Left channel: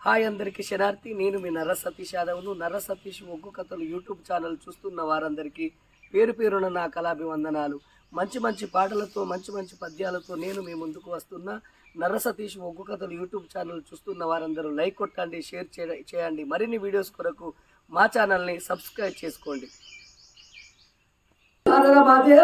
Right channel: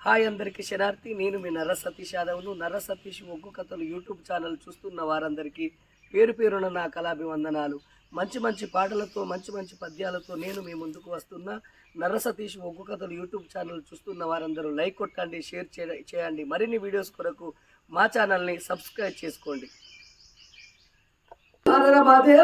Hi అందరికీ శనార్థి నేను మీ నర్ర సతీష్ యాదవ్ను నర్ర సతీష్ ఒగ్గు కథలు యూట్యూబ్ ఛానల్ చూస్తున్న వారందరికీ పేరు పేరున నా కళాభివందనాలు మంచి మంచి పాటలతో మంచి మంచి పద్యాలతో నేను మీ ముందుకు వస్తున్న నర్ర సతీష్ ఒగ్గు కథలు యూట్యూబ్ ఛానల్ చూస్తున్న వారందరూ లైక్ కొట్టండి షేర్ చేయ- చేయండి మరిన్ని వీడియోస్ కొరకు మా ఛానల్ని సబ్స్క్రైబ్ చేసుకోండి చంద్రావతి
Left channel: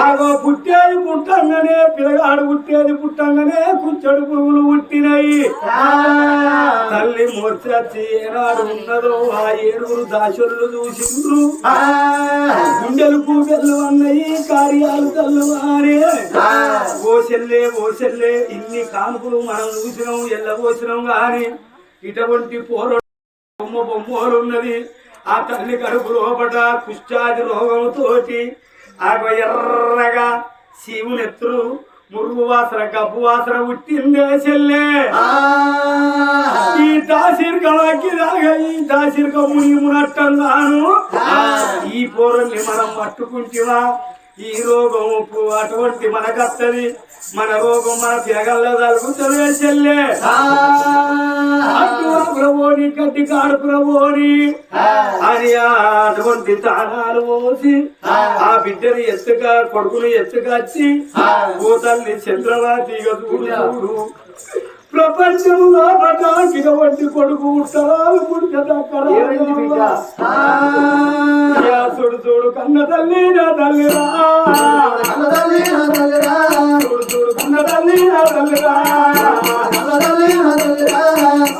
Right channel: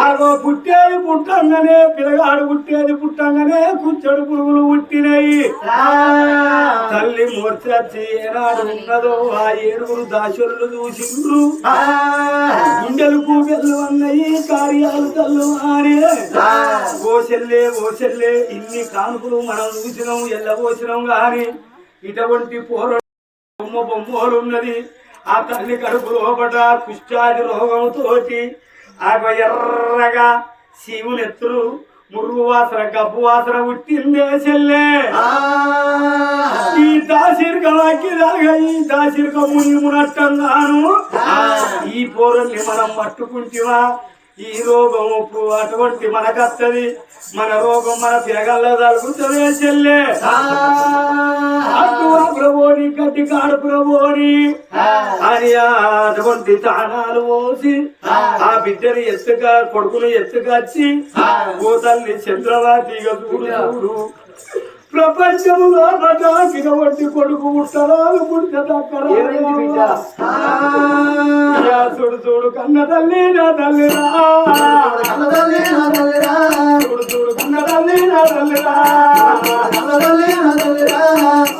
ఆగో పుట్టేది పుట్టంగానే పిల్లగాడు పుట్టేది పుట్టంగానే కుచ్చడు పురుగులు పుట్టినాయి. తల్లి మూర్చచ్చి ఏనాడు ఉన్నదో ఆ ఏడుగురు దాసులు చూసిండ్రు. గుండెలు కూబెళ్ళు అన్నయి కార్యాలు తల్లు అనే ఓసెల్లే ఓసెల్లే ఇన్ని కానుకలు మనం చూసినాం ఎల్లబోసినాం గాని. ఇటువంటి పోర బొమ్మ బొమ్మలు ఉన్నది. ఆ తల్లి కడుపు లోపట కుష్టాది రోగంతోటి ఆ ఎర్రగా శివునెత్తులు మురుగు వాసన గబ్బు వాసన పుట్టిందే చెల్లే. ఈ దాసిరికలకి దాగా ఈ దాసిరిక ముని మునట్టంగాను ఈ పోరల్ని మనం పట్టుకుంటివా? ఈ రోగం అటువంటి మనకత్తది. మన రోగం మన తిరగల్లో తలుగుతుంది చెల్లే. అటు ప్రభుని గడ్డి కాడు ప్రభుని అని అటువంటి తాళాలు పోసి ఆ. బిడ్డని ఎత్తుగా కొడుకుని ఎత్తుకొచ్చి ఓ తల్లి చంద్రవాతిగా చూడు చూడు. ప్రపంచంలో పటాకిన వంటి కొడుకు ఉత్తరాలు బిడ్డ? చూడు చూడు కన్న తల్లి నా తల్లిరా చూడు చూడు కన్న తల్లి నా తల్లిరా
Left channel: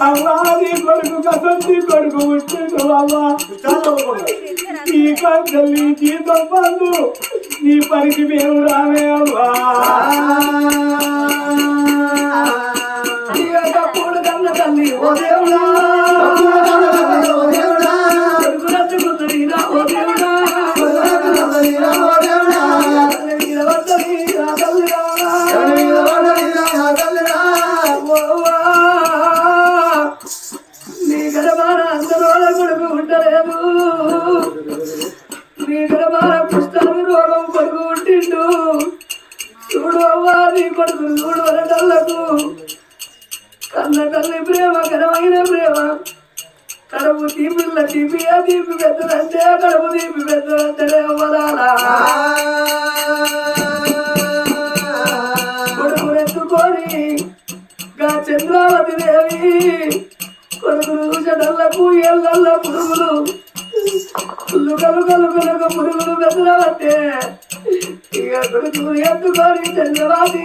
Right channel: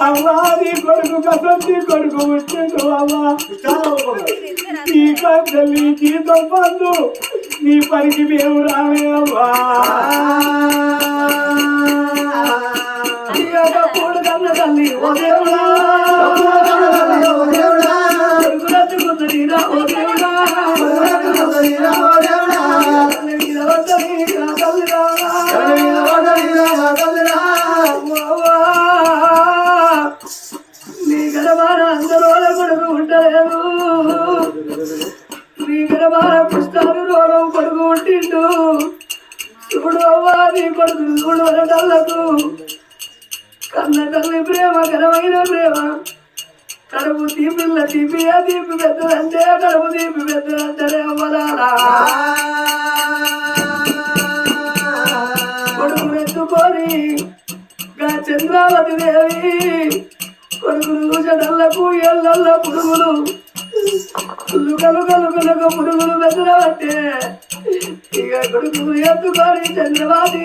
అవ్వా నీ కొడుకు కసంతి కొడుకు వచ్చిండు అవ్వా. నీ తల్లి జీతం పండు నీ పనికి మేము రామేవా కన్న తల్లి ఓ దేవుడా కొడుకునెత్తుకుందనీరా ఓ దేవుడా తల్లి మీద పడ్డది నా తల్లిరా. ఓవా. నీ గడబార అందరూ కొడుకు ఉండలేదు నీ గడబార పుష్టాలు రోగం కొడుకు ఉంటిండు చూడు అవ్వా నీ కొడుకు చూడు వరటల్లకు కన్న తల్లి ప్రేమ ఘనమైన ప్రేమ. కడుపు తీపిల్ల తీపి ఆ తీపి పెద్దదంటే కడుపు తీపి పెద్దదంటే అవ్వలాలా కొడుకునెత్తుకొని గా చంద్రావతి దేవి కొడుకును చెడల్లకు ఎల్లల్ల పురుగులు లుకలు కలుకలకు పురుగులు బెదరబట్టే ఇక కొడుకు ఎత్తుకొని చంద్రవాతి.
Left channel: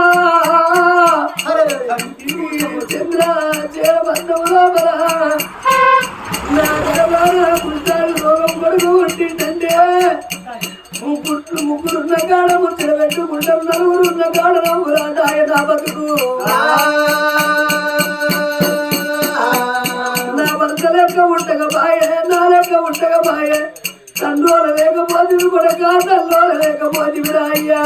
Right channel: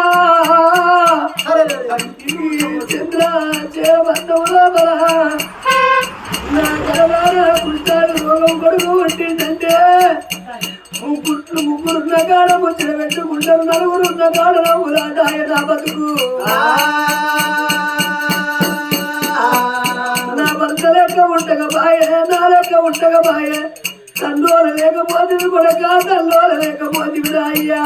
ముగ్గురున్న కాడ ముచ్చట పెట్టుకుంటారు నలుగురు ఉన్న కాడ నవ్వులాట నా బతుకు. నా భర్త లెక్క ఉండక బాయే నా లెక్క ఉండక బాయే. తండ్రోల లేకపోతే కొడక తల్లోల లేకపోతే రాయ్యా.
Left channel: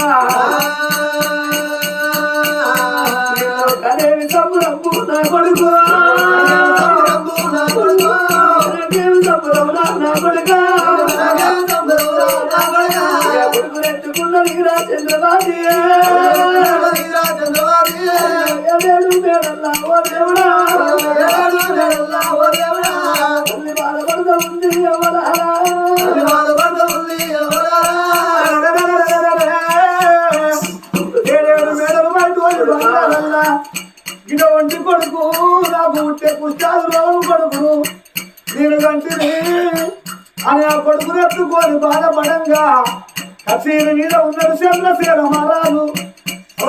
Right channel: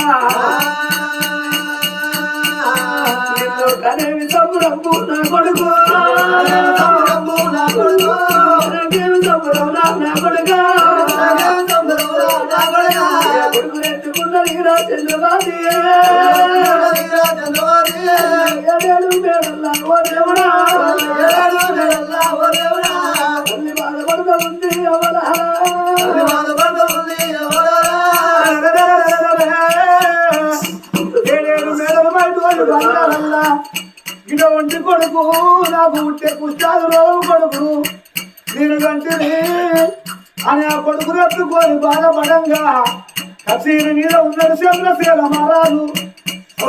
నిన్ను కనేవి సంబరంపు నా కొడుకు. నాకేమి ఎత్తుకున్న చంద్రబాబు. ఏడేడు మేడల్లా ఓ దేవుడా తల్లి ఉంది ఏడేడు మేడలు బయట వాళ్ళు బంగారల్లా. గిడ ఒంటి కొడుకు నాకు ఉంటే పుష్టాలు రోగు కొడుకు నేను కంటిని అని ఆ కొడుకును బాధపడంగా కచేరి మీద ఉన్నాడు చంద్రశీల మహారాజు.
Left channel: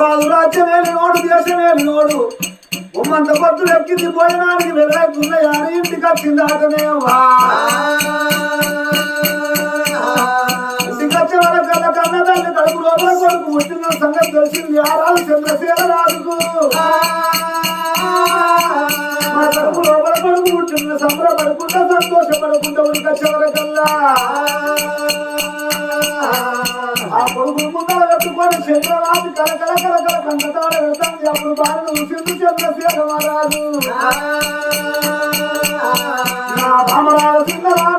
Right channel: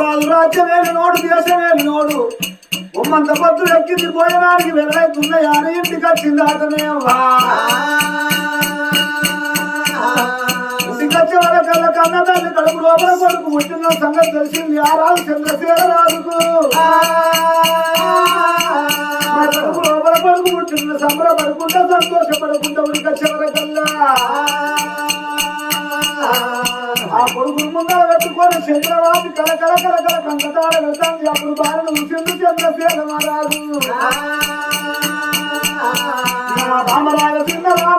రాజు రాజ్యమేలు నోడు దేశమేలు నోడు. ఉమ్మంత పొద్దులు ఎక్కింది భోజనానికి వెళ్ళవుతున్న యాని ఇంటికి వచ్చింది అతనే ఇంటికి వరకల్లా కన్న తల్లి కడుపు లోపల కొడుకు ముట్టిన సంగతి తెలిసింది ఆ రాజు చంద్రశీల రాజుకు. మా కడుపు లోపల కొడుకు ముట్టిన సంబరపడుకుంటా సంతోషపడుకుంటా ఉడికి వచ్చే వరకల్లా. ఆ కొడుకు ముందర పెట్టుకొని చంద్రబాబు కల కల కల కల కంటతాడ వెళ్తాంది అప్పుడు బాలను ఉసింది చంద్రశేఖర మహారాజు రామరాజ చిన్నరాణ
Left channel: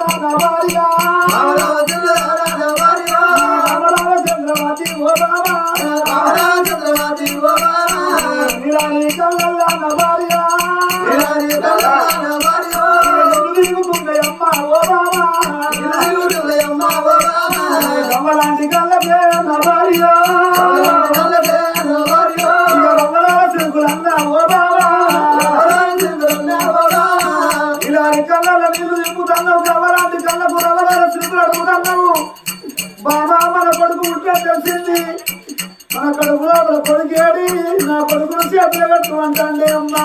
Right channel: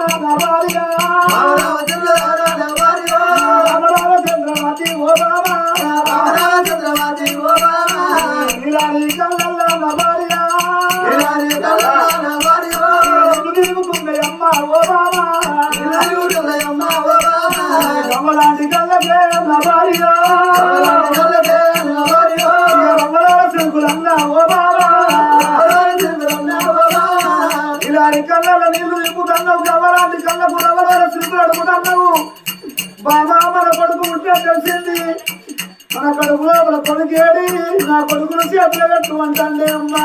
కొడుకేడి నా కొడుకును చేతులు కట్టు అంటే అమ్మా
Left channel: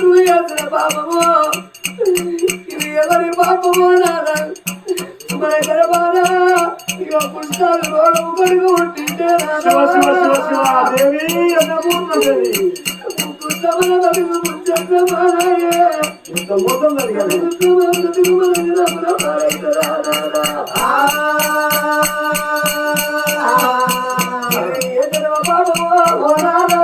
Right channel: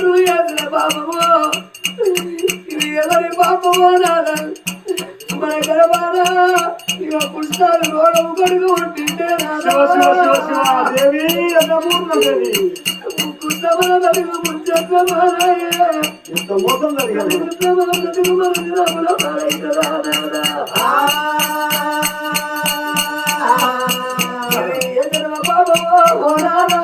తండ్రులు ఎదురే పాపమో. ఇది ఎవరి పాపమో నాన్న మన గర్భాన ఇక పుష్పాలు రోడము కడుగు ఉంటుంటే పుస్తమల బతుకు ఇంత మోసం జరిగింది. పుస్తమల బతుకు పాపమో ఓ నాదా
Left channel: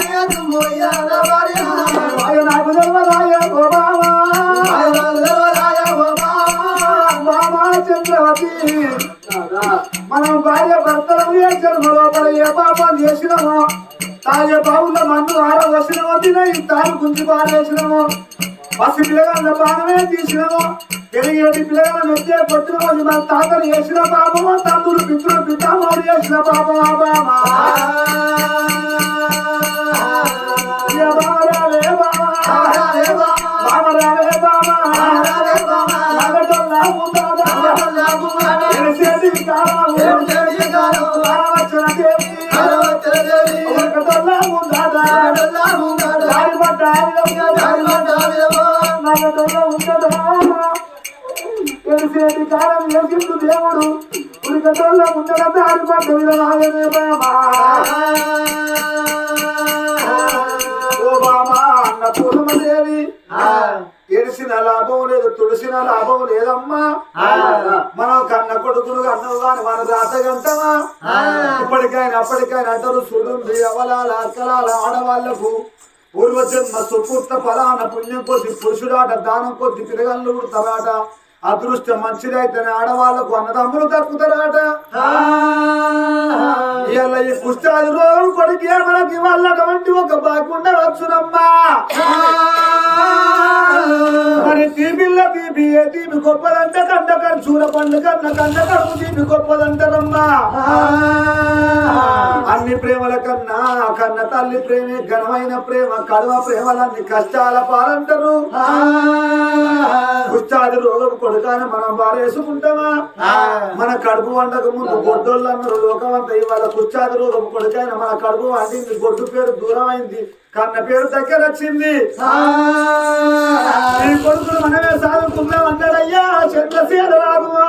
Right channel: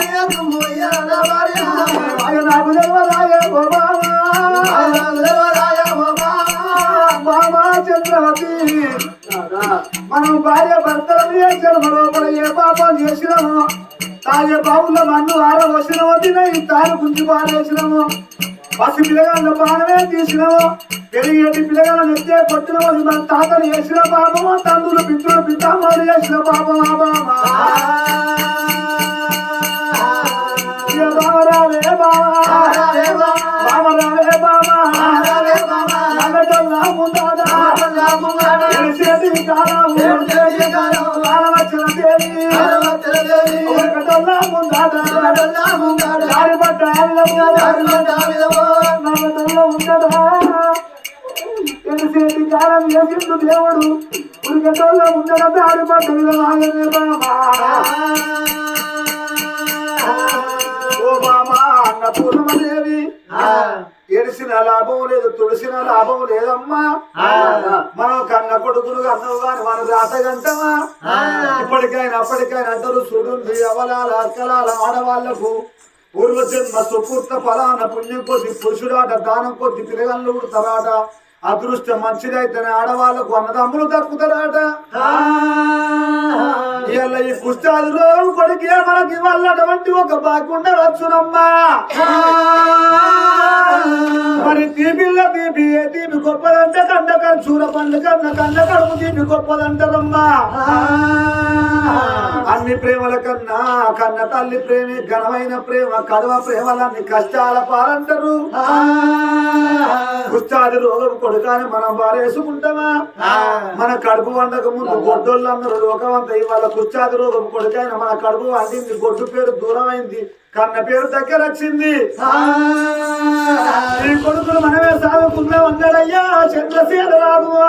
మీద దుమ్ము అయ్యా నా భార్య. ఈ మాయ నాకు ఓ బావా. చంద్రవతి. మనం భార్య భర్తలు ఏ జన్మ లోపల ఏ పాపం చేసినామో తాగే బావుల్లో మన్ను ఆర వచ్చినవో ఈ తాను గుంజి పారేసినామో. పసి పిల్లగాళ్ళ పానమే తీసినవో? పెరిగేటి పిల్లగాళ్ళ నెత్తే కొట్టినవో ఇది మన తాతలు చేసిన పాపమో? తండ్రులు పితృలు పితామోడు చేసిన పాపమా బామా ఇక బామ రావే బామా బామా నల్లటొల్ల ముందాడా ఎలిసేటి కాలము కాలవచ్చిన దేవి. ఒకటొల్ల ముందాడా కాలం వేసిండు దేవుడు ఉరికటొల్ల ఉండడం దారి పడ్డ విధమాగనే బామా? ఓ బామా అన్న పూర్ణమదేవి. ఎడిసిన లాభం లేదు తుడిసిన లాభం లేదమ్మా. మనం కన్న కొడుకులు కన్నవు గాని మన రాత గంటమా ఇప్పటికైనా అప్పటికైనా అంటారు చూడుంది అవలాల అక్కలాల ఆడవాళ్ళకు. పూర్వజన్మ సుపూర్త ఫలాన పుణ్యం కొద్ది పురుషుడాట దానం కొద్ది పిల్లగళ్ళు ఉడతారాట. అదృష్టం మంచిదైతేనే ఆడవాళ్ళకు అన్నదమ్ములు దక్కుతారాట. ఇవాళ ఈ కుష్టాది రోగం కొడుకే మనకి వాళ్ళ అటువంటి ఒక బాగుండ వచ్చునమ్మా మరి తీపిల్ల తీపి ఏ తీపి గొప్పదంటే కన్ను చూర పండు కన్న కన్న కడుపు తీపి గొప్పదంటారమ్మా. అన్ని ప్రేమల కన్నా కన్న తల్లి ప్రేమే ఘనమైన ప్రేమ కడవ ప్రేమలన్నీ కష్టాల పాలంటారు. కుష్టాది రోగం కొడుకాని మనం బారేసుకుంటామా మన కడుపు వండక ముందు గొడ్డోళ్ళు అన్నారు లోకమంతా ఇవాళ కుష్టాది రోగం కొడుకాని మన కడుపు వండింది గొడ్డు పేరు దూరం అయింది కన్న పేరు దగ్గర వచ్చింది. ఈ కొడుకులు మనమే సాదుకుందాం అన్నాడయ్యా చంద్రశేఖర రాఘవా.